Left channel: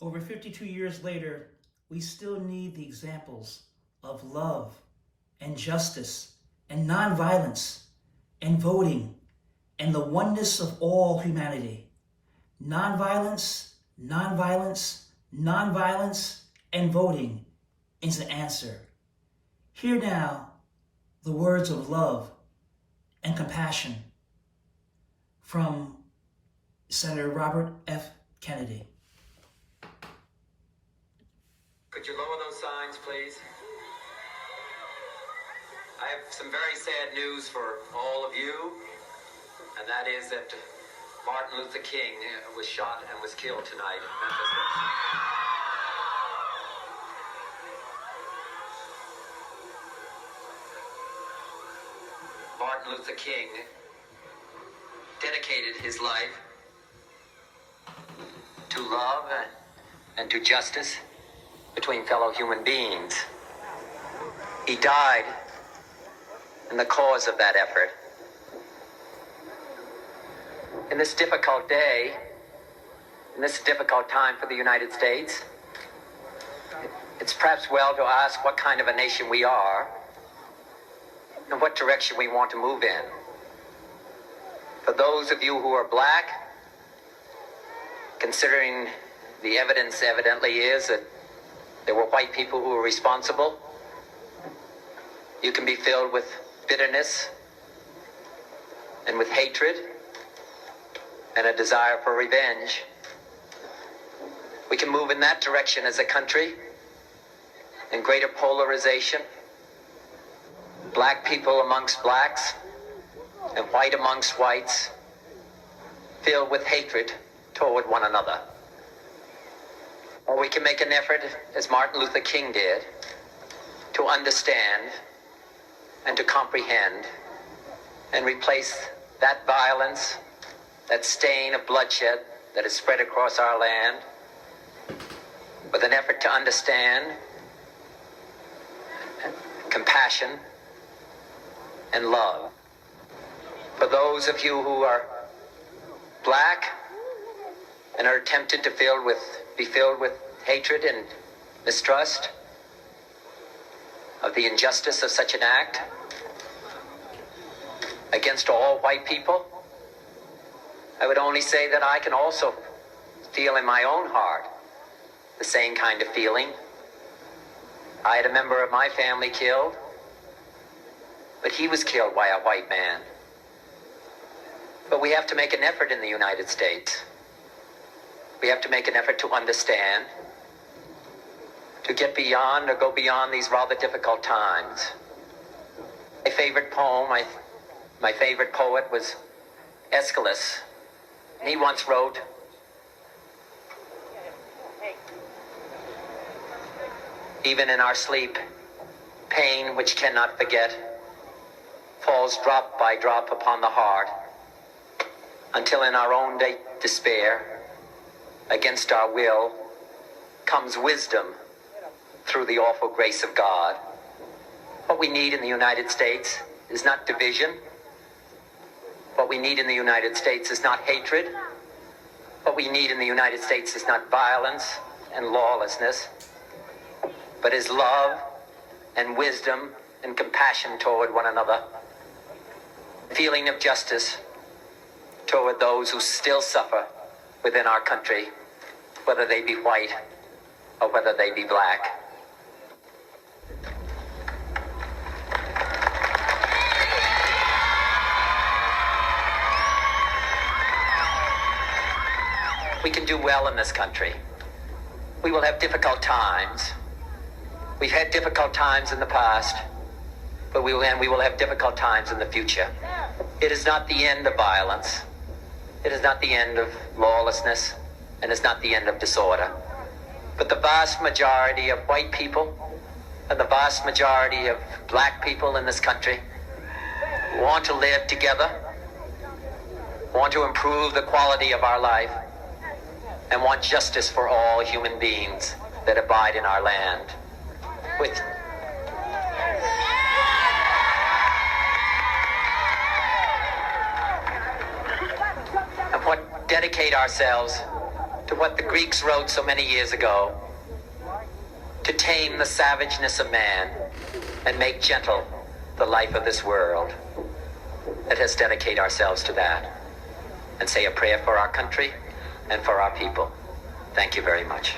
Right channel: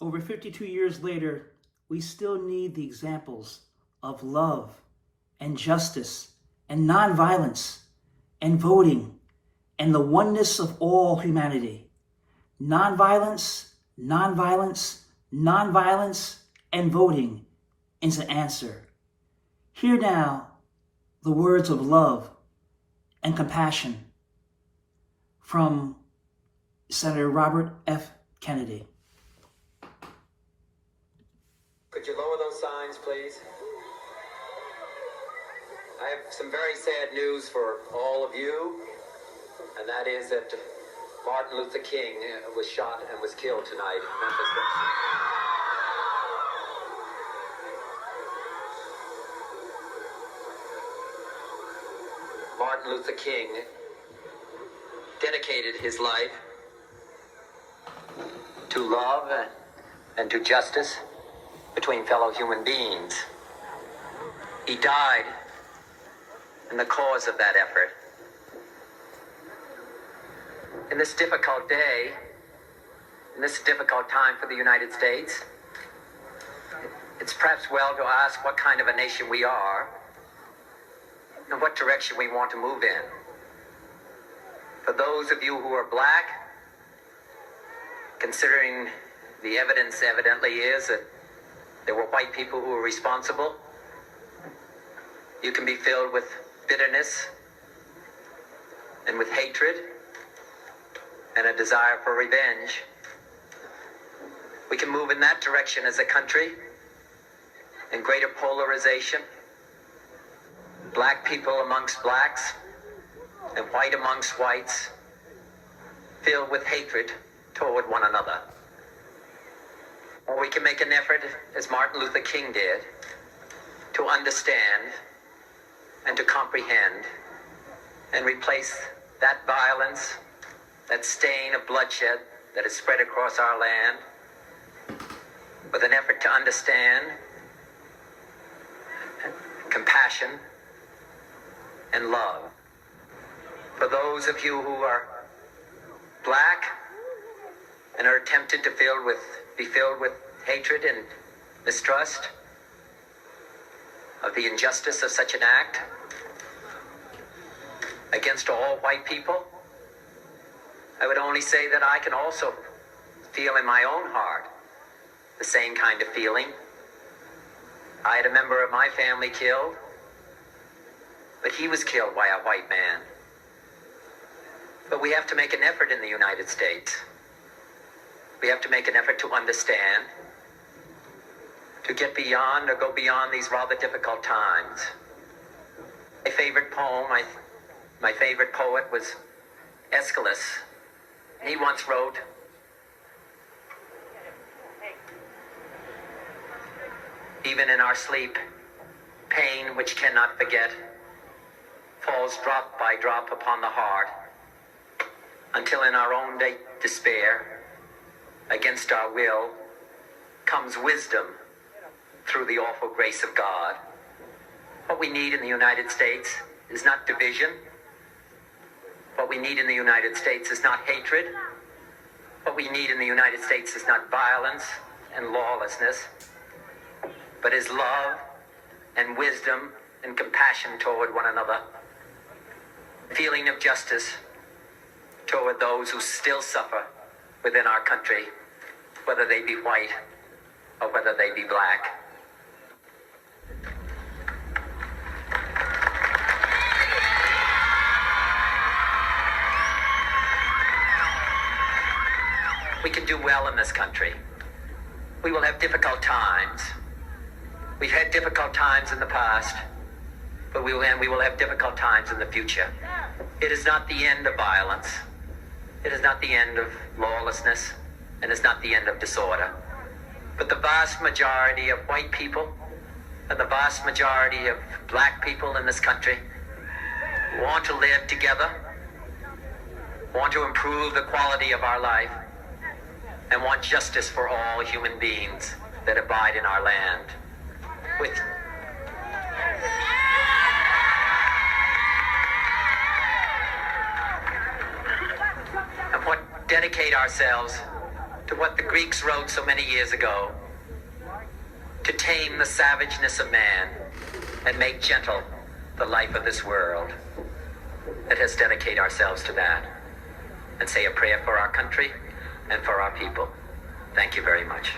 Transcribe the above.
Over 52 years later, we still need the examples of love and justice and nonviolence and voting and the oneness of all humanity. Nonviolence, nonviolence, nonviolence, and voting is an answer. Hear now the words of love and compassion from Senator Robert F. Kennedy. Could you lower those signs, please? I have some very sad news for all of you, and that is that Martin Luther King was shot and was killed tonight in Memphis. Martin Luther King dedicated his life to love and to justice between fellow human beings. He died in the cause of that effort. In this difficult day, in this difficult time for the United States, it's perhaps well to ask what kind of a nation we are and what direction we want to move in. For those of you who are black, considering the evidence evidently is that there were white people who were responsible, you can be filled with bitterness and with hatred and a desire for revenge. We can move in that direction as a country, in greater polarization, black people amongst blacks and white amongst whites, filled with hatred toward one another. Or we can make an effort, as Martin Luther King did, to understand and to comprehend and replace that violence, that stain of bloodshed that is spread across our land, with an effort to understand compassion and love. For those of you who are black and are tempted to be filled with hatred and mistrust of the injustice of such an act against all white people, I would only say that I can also feel in my own heart the same kind of feeling. I had a member of my family killed, but he was killed by a white man. But we have to make an effort in the United States. We have to make an effort to understand, to get beyond or go beyond these rather difficult times. My favorite poem, my favorite poet was Aeschylus. And he once wrote, "Even in our sleep, pain which cannot forget falls drop by drop upon the heart, until in our own despair, against our will, comes wisdom through the awful grace of God." What we need in the United States is not division. What we need in the United States is not hatred. What we need in the United States is not violence and lawlessness, but is love and wisdom and compassion toward one another. Feeling of justice toward those who still suffer within our country, whether they be white or whether they be black. We can do well in this country. We will have difficult times. We've had difficult times in the past, but we will have difficult times in the future. It is not the end of violence. It is not the end of lawlessness, and it's not the end of disorder. But the vast majority of white people and the vast majority of black people in this country want to live together, want to improve the quality of our life, and want justice for all human beings that abide in our land. And dedicate ourselves to what the Greeks wrote so many years ago, to tame the savageness of man and make gentle the life of this world. Let us dedicate ourselves to that and say a prayer for our country and for our people. Thank you very much.